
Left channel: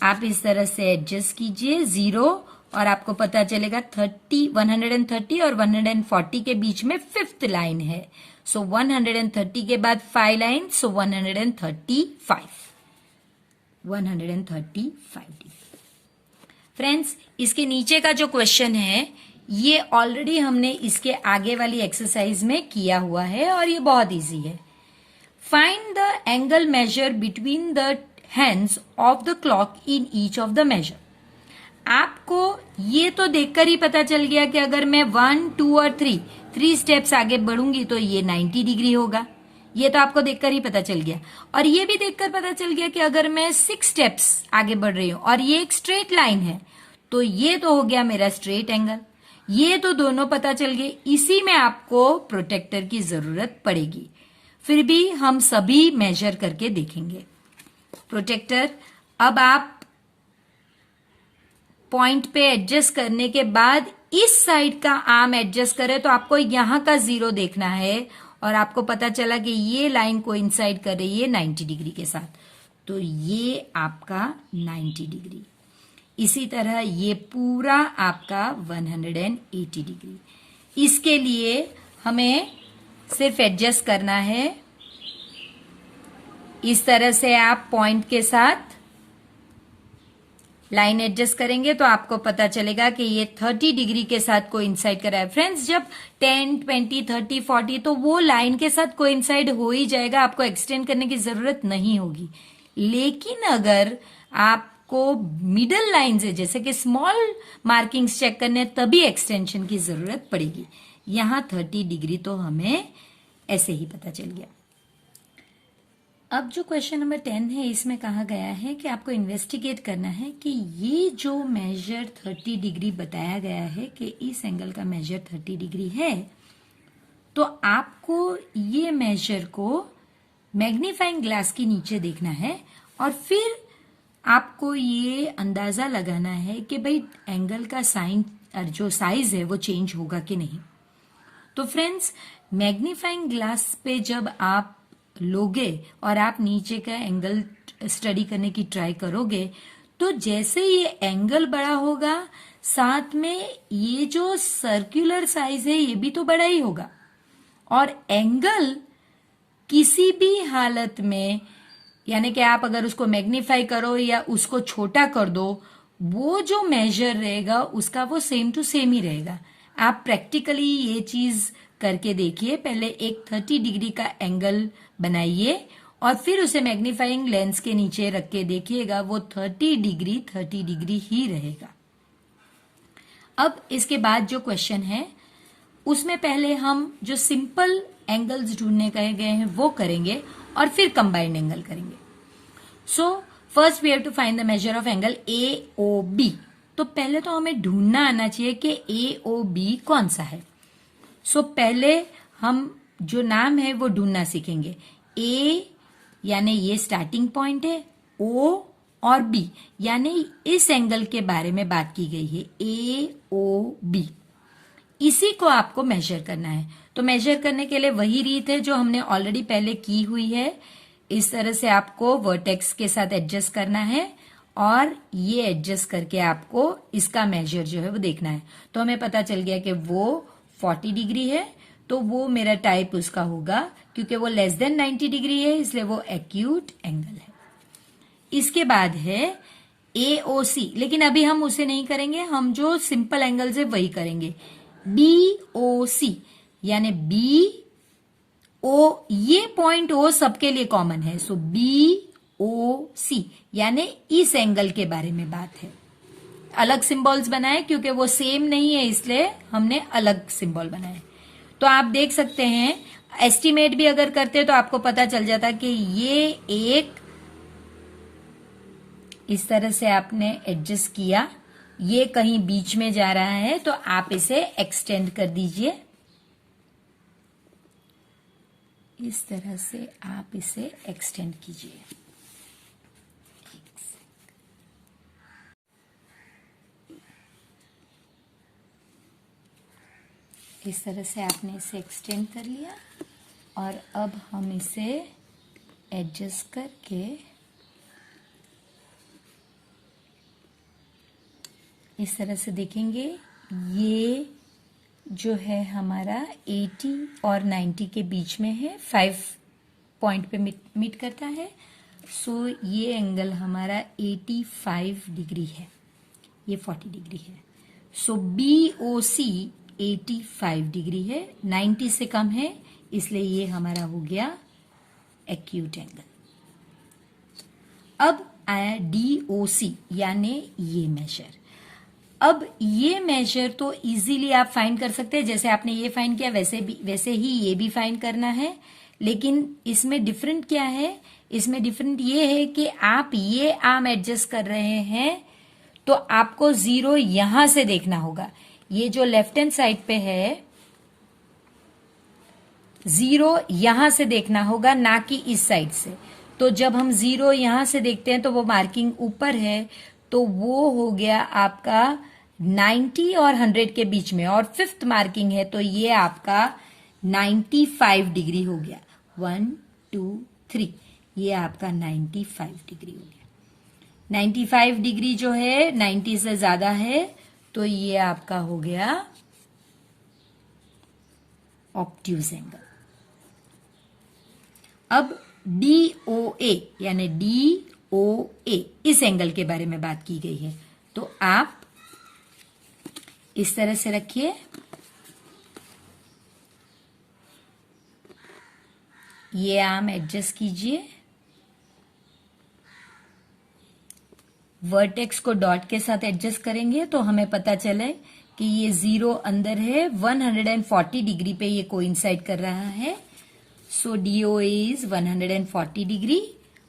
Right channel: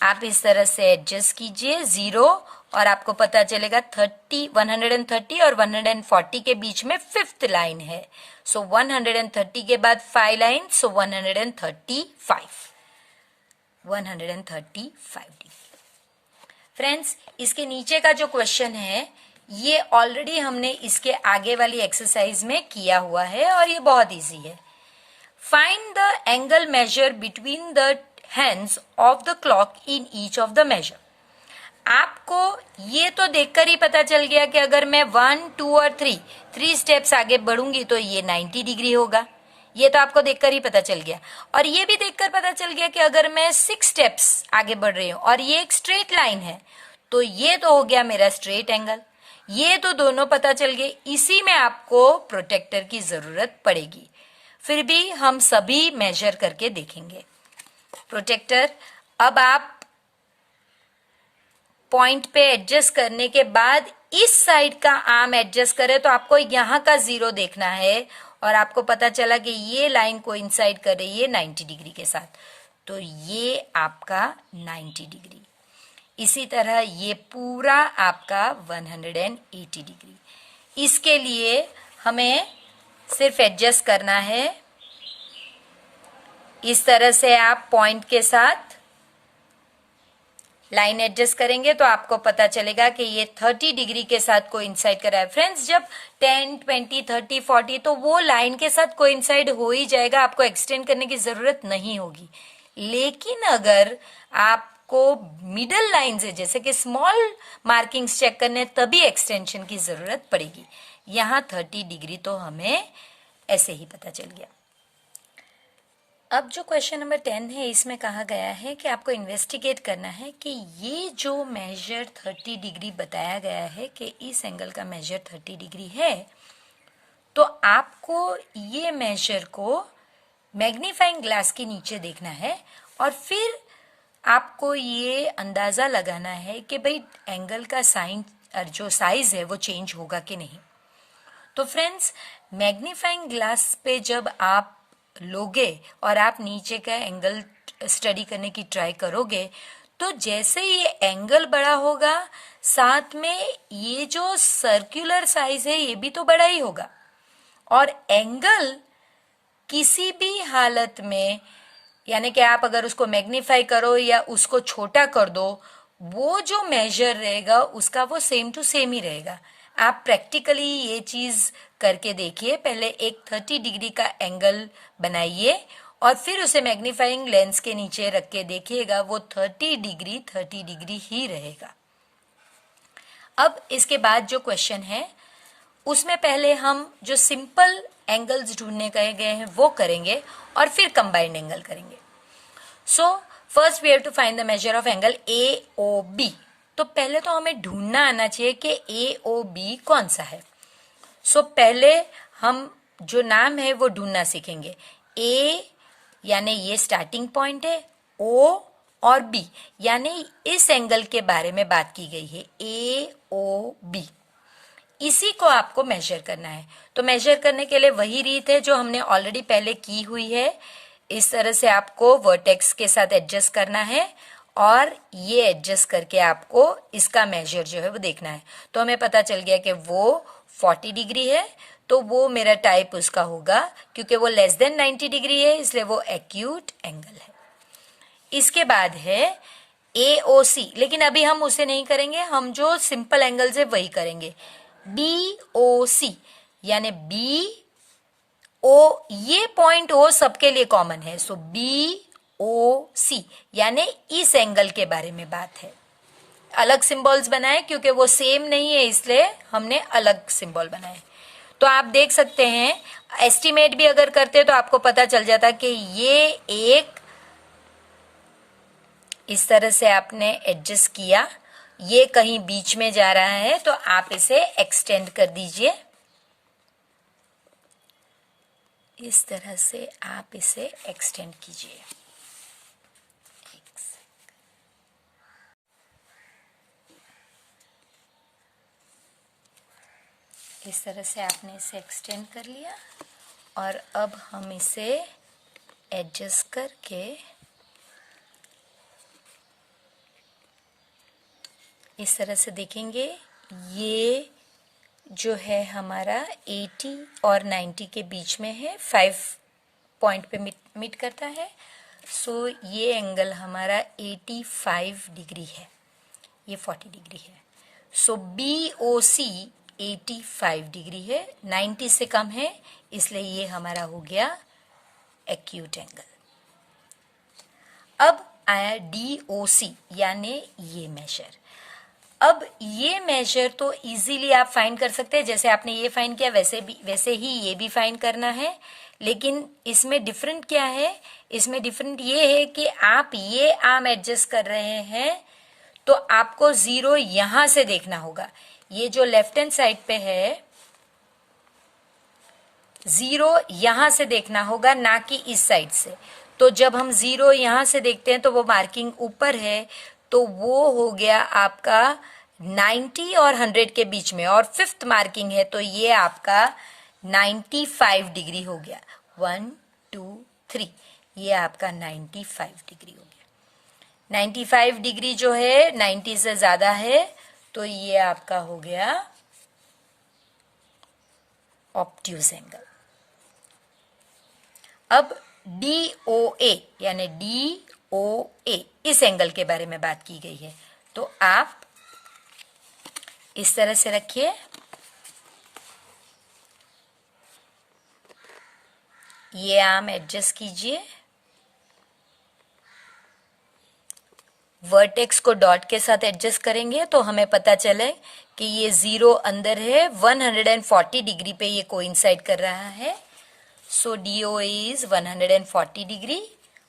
आप इस तरह से एडजस्ट कीजिए 0, और आपको पता चलेगा 130 और 140 के बीच में 5th लाइन है। सो 130 के बाद 5 लाइन, सो 135 डिग्री। फ्रेंड्स, इसके नीचे का जो क्वेश्चन है ये ऑलरेडी हमने इसके आगे वाली एक्सरसाइज में किया हुआ है और ये बहुत इजी है। Find the angle measure between the hands of the clock in each of the measure. आपको ये तो देखकर ही पता चल गया कि अगर मैं 1, 2 और 3 स्टेप्स आगे बढ़ूंगी तो ये 90 डिग्री होगा। ये तो आपको देखकर ही पता चल गया। और ये भी देखकर पता चल गया कि अगर मैं 6 स्टेप्स आगे बढ़ रही हूं और ये एक स्ट्रेट लाइन है तो ये तो हो गया मेरा स्ट्रेट एंगल। ये तो दोनों पता चल गए, इसी में आपको प्रोटेक्टर की जरूरत पड़ेगी। फिर भी हम सभी मेजर करके देखेंगे। प्रोटेक्टर, अब आप पॉइंट पे एडजस्ट करने के बाद इस साइड का आर्म एडजस्ट करें तो आपको यहां का 0 देखना है और आपको पता चला कि ये लाइन कोइंसाइड कर रही है 90 डिग्री के साथ, तो ये आपका 90 डिग्री। इसी तरह ये पूरा आपका 180 डिग्री। इसके लिए हमें सिर्फ एडजस्ट करना है। इस तरह से आप पॉइंट के साथ लाइन एडजस्ट करेंगे तो आपको पता चलेगा कि ये 30 डिग्री के साथ कोइंसाइड कर रहा है। फ्रेंड्स, जब 10, 20, 30, 40 तो वो लाइन के साथ कोइंसाइड हो ही जाएगा, आपको एक्सटेंड करने की जरूरत नहीं होगी। लेकिन अगर आपको मिडल लाइन से जैसे कि स्मॉल मार्किंग्स चेक करने तभी एक्सटेंशन की जरूरत पड़ेगी। यहां 30 डिग्री तो हमें ऐसे ही पता चल गया। अब जो क्वेश्चन नंबर 10 है, इसमें कहा गया है कि आपको इन्वेस्टिगेट करना है कि ये जो मेजर 30 डिग्री बताया गया है कि इस एंगल का मेजर 30 डिग्री है, तो आपको ये मेजर को मैग्नीफाइंग ग्लास के नीचे देखना है और फिर आपको ये अंदाजा लगाना है कि भाई एंगल का साइन जो साइज है वो चेंज होगा कि नहीं। तो फ्रेंड्स, मैग्नीफाइंग ग्लास पे जब आप लोगे और आप नीचे का एंगल स्टडी करने की ट्राई करोगे तो जैसे ये एंगल बड़ा होगा, साथ में ये जो सर्कुलर साइज है ये भी तो बड़ा ही होगा। और एंगल किसी भी हालत में, यानी कि आप अगर उसको मैग्नीफाई करो या उसको छोटा कर दो, वो जो मेजर रहेगा उसका वो सेम टू सेम ही रहेगा। आप प्रैक्टिकली ये चीज करके देखिए। पहले एक 30 डिग्री का एंगल बनाइए और फिर उसे मैग्नीफाइंग लेंस के नीचे रख के देखिएगा, वो 30 डिग्री ही रहेगा। अब इसके बाद जो क्वेश्चन है उसमें पहले हम जो सिंपल एंगल्स ढूंढने कहे गए हैं वो करेंगे और फिर कंबाइंड एंगल करेंगे। So first we have to find the measure of angle AOB। तो पहले तो हमें ढूंढना आना चाहिए कि AOB कौन सा है। सो पहले हम जो नाम है वो ढूंढना सीखेंगे। A यानी ये स्टार्टिंग पॉइंट है, O और B यानी इस एंगल के बारे में बात की गई है, AOB। इसी को आपको मेजर करना है। तो मेजर करने के लिए वही रीत है जो हमने ऑलरेडी पहले की हुई है। इस तरह से आपको वर्टेक्स के साथ एडजस्ट करना है और ये एडजस्ट करके आपको इसका मेजर जो है वो देखना है। तो हमें पता चल गया कि वो 40 डिग्री है, तो वो मेरा टाइप उसका होगा, क्योंकि वो लेस देन 90 डिग्री है इसलिए वो एक्यूट एंगल है। इसके बाद है AOC, लेकिन अभी हम उसे नहीं करेंगे, हम जो सिंपल एंगल्स है वही करेंगे। BOC यानी BO, ये पॉइंट O सबके लिए कॉमन है, सो BOC यानी इस एंगल के बारे में बात है। अलग सिंबल्स बनाए क्योंकि वो सेम नहीं है इसलिए हमने अलग सिंबल बनाए। तो आप देख सकते हैं, एस्टिमेट भी अगर करते तो आपको पता चल जाता कि ये एक इस तरह से आपने एडजस्ट किया, ये कहीं बीच में जा रहा है तो आप इसे एक्सटेंड कर दीजिए। इस तरह से आप इसे एक्सटेंड कीजिए। इस तरह से आपने इसे एक्सटेंड कर लिया और अब हम इसे एडजस्ट करके इस तरह से देखेंगे। ये जो है हमारा 80 और 90 के बीच में है, 5 पॉइंट पे मीट करता है। सो ये एंगल हमारा 85 डिग्री है, ये 40 डिग्री है। सो BOC 85 डिग्री है, 90 से कम है, इसलिए ये हमारा हो गया एक्यूट एंगल। अब आया DOC यानी ये मेजर। अब ये मेजर तो इजीली आप फाइंड कर सकते हैं, जैसे आपने ये फाइंड किया वैसे ही ये भी फाइंड करना है। लेकिन इसमें डिफरेंट क्या है, इसमें डिफरेंट ये है कि आप ये आर्म एडजस्ट कर रहे हैं तो आपको 0 यहां से देखना होगा, ये जो लेफ्ट हैंड साइड पे है 0 यहां से देखना होगा, ना कि इस साइड से। तो जब हम 0 यहां से देखते हैं तो वो मार्किंग ऊपर है, तो वो हो गया आपका 90 और 100 के बीच में, और 5th मार्किंग है तो ये आपका 95 डिग्री हो गया। 1 2 3, ये आपका 95 डिग्री हो गया। 95 डिग्री जो है 90 से ज्यादा है, तो ये आपका हो गया ऑब्ट्यूज एंगल। अब DOA यानी DOA इस एंगल के बारे में बात की गई है, तो आप इस तरह से रखिए, ये आर्म एडजस्ट कीजिए, वर्टेक्स को डॉट के साथ एडजस्ट करेंगे तो हमें पता चले कि ये 0 अंदर है, 140 डिग्री पे ये कोइंसाइड कर रहा है। सो DOA इज 140 डिग्री,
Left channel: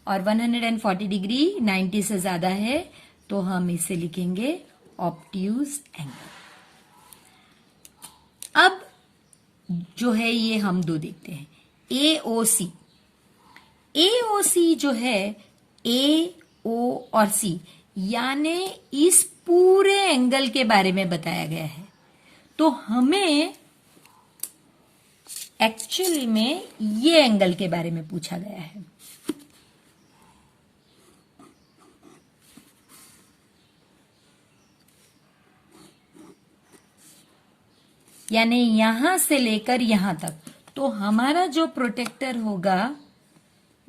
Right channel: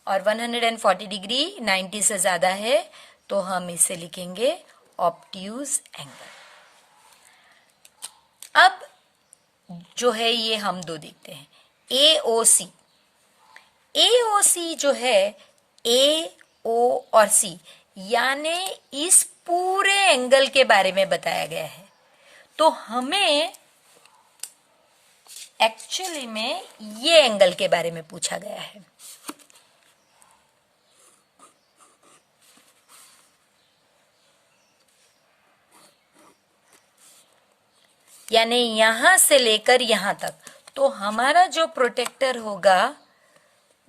और 140 डिग्री 90 से ज्यादा है, तो हम इसे लिखेंगे ऑब्ट्यूज एंगल। अब जो है ये हम दो देखते हैं, AOC। AOC जो है AO और C यानी इस पूरे एंगल के बारे में बताया गया है, तो हमें एक्चुअली में ये एंगल के बारे में पूछा गया है। यानी यहां से लेकर यहां तक, तो हमारा जो प्रोटेक्टर होगा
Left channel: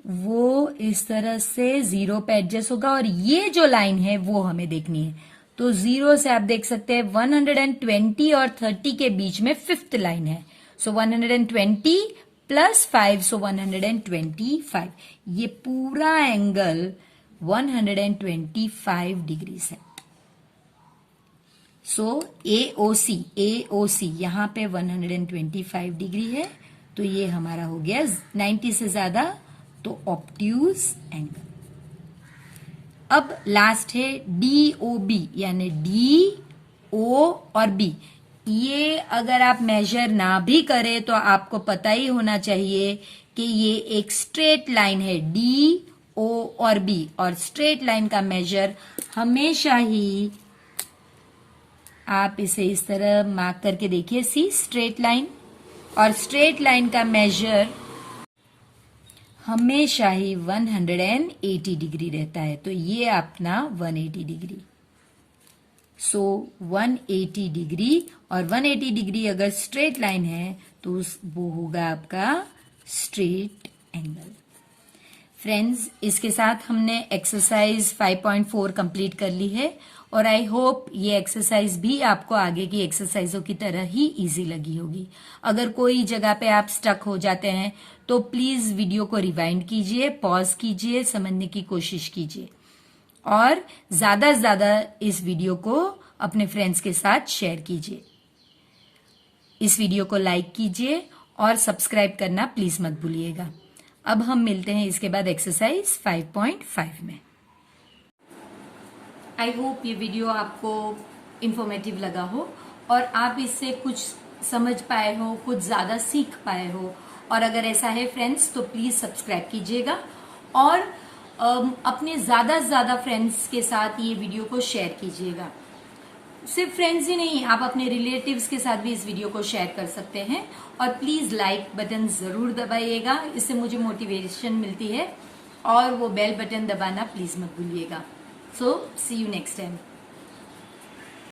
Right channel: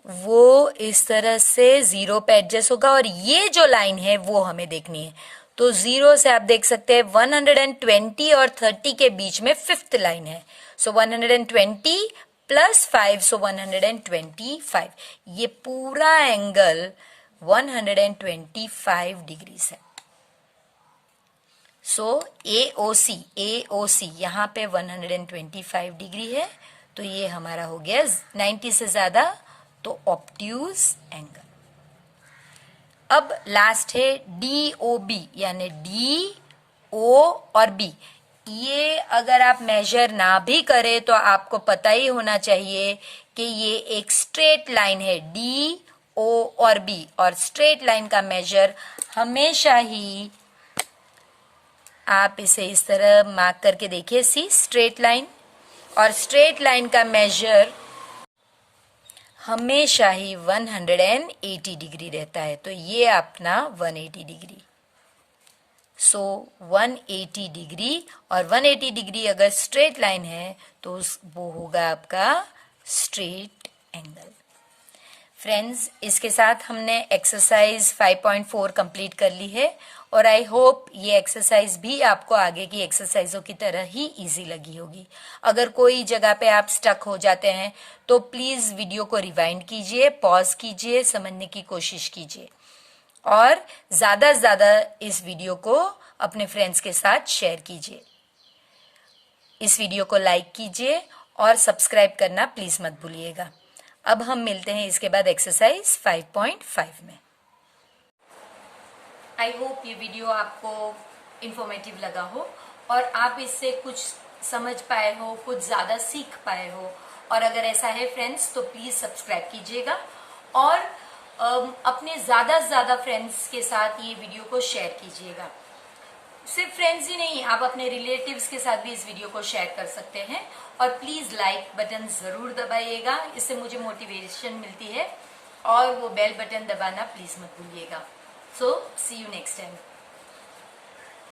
वो इस तरह से 0 पे एडजस्ट होगा, और ये जो लाइन है वो हमें देखनी है। तो 0 से आप देख सकते हैं 120 और 30 के बीच में 5th लाइन है, सो 120 प्लस 5, सो 125। ये पूरा एंगल 125 डिग्री है। सो AOC यहां पे 125 डिग्री है, तो ये हमारा हो गया 90 से ज्यादा, तो ऑब्ट्यूज एंगल। अब लास्ट है DOB यानी DO और B। ये अगर आप मेजर ना भी करें तो आपको पता ही होना चाहिए कि ये एक स्ट्रेट लाइन है, DO और B, और स्ट्रेट लाइन का मेजर हमेशा ही आप इसे इस तरह मार्क करके देखिए, सी स्ट्रेट लाइन, और स्ट्रेट लाइन का मेजर हमेशा ही 180 डिग्री रहता है, तो ये अपना 180 डिग्री। सो 180 डिग्री, और 180 डिग्री अगर स्ट्रेट लाइन है तो वो होगा आपका स्ट्रेट एंगल। फ्रेंड्स, इसके साथ हमने एक्सरसाइज 5.4 कंप्लीट कर ली है, और आई होप ये एक्सरसाइज भी आपको आगे की एक्सरसाइजों की तरह ही इजी लगी होगी। अगर कोई जगह पे आप स्टक हो जाते हैं तो प्लीज वीडियो को रिवाइंड कीजिए, पॉज कीजिए, समझने की कोशिश कीजिए, और ज्यादा से ज्यादा इस वीडियो को अपने फ्रेंड्स के साथ शेयर कीजिए। इस वीडियो को लाइक कीजिए और सब्सक्राइब करना प्लीज मत भूलिएगा। अब हम मिलते हैं इसके बाद एक्सरसाइज 5.5 में। आई होप ये वीडियो आपको इंफॉर्मेटिव लगा हो और आप इससे कुछ समझ पाए हो, कुछ ज्यादा सीख पाए हो, और अगर ऐसा है फ्रेंड्स तो प्लीज सब्सक्राइब कीजिएगा, और अपने ज्यादा से ज्यादा फ्रेंड्स के साथ ये वीडियो को शेयर कीजिएगा। सिर्फ फ्रेंड्स ही नहीं, आप अपने रिलेटिव्स के साथ भी इस वीडियो को शेयर कर सकते हैं, और प्लीज लाइक बटन जरूर दबाइएगा, इससे मुझे मोटिवेशन मिलती है, और वो बेल बटन दबाना प्लीज मत भूलिएगा। सो सी यू नेक्स्ट टाइम।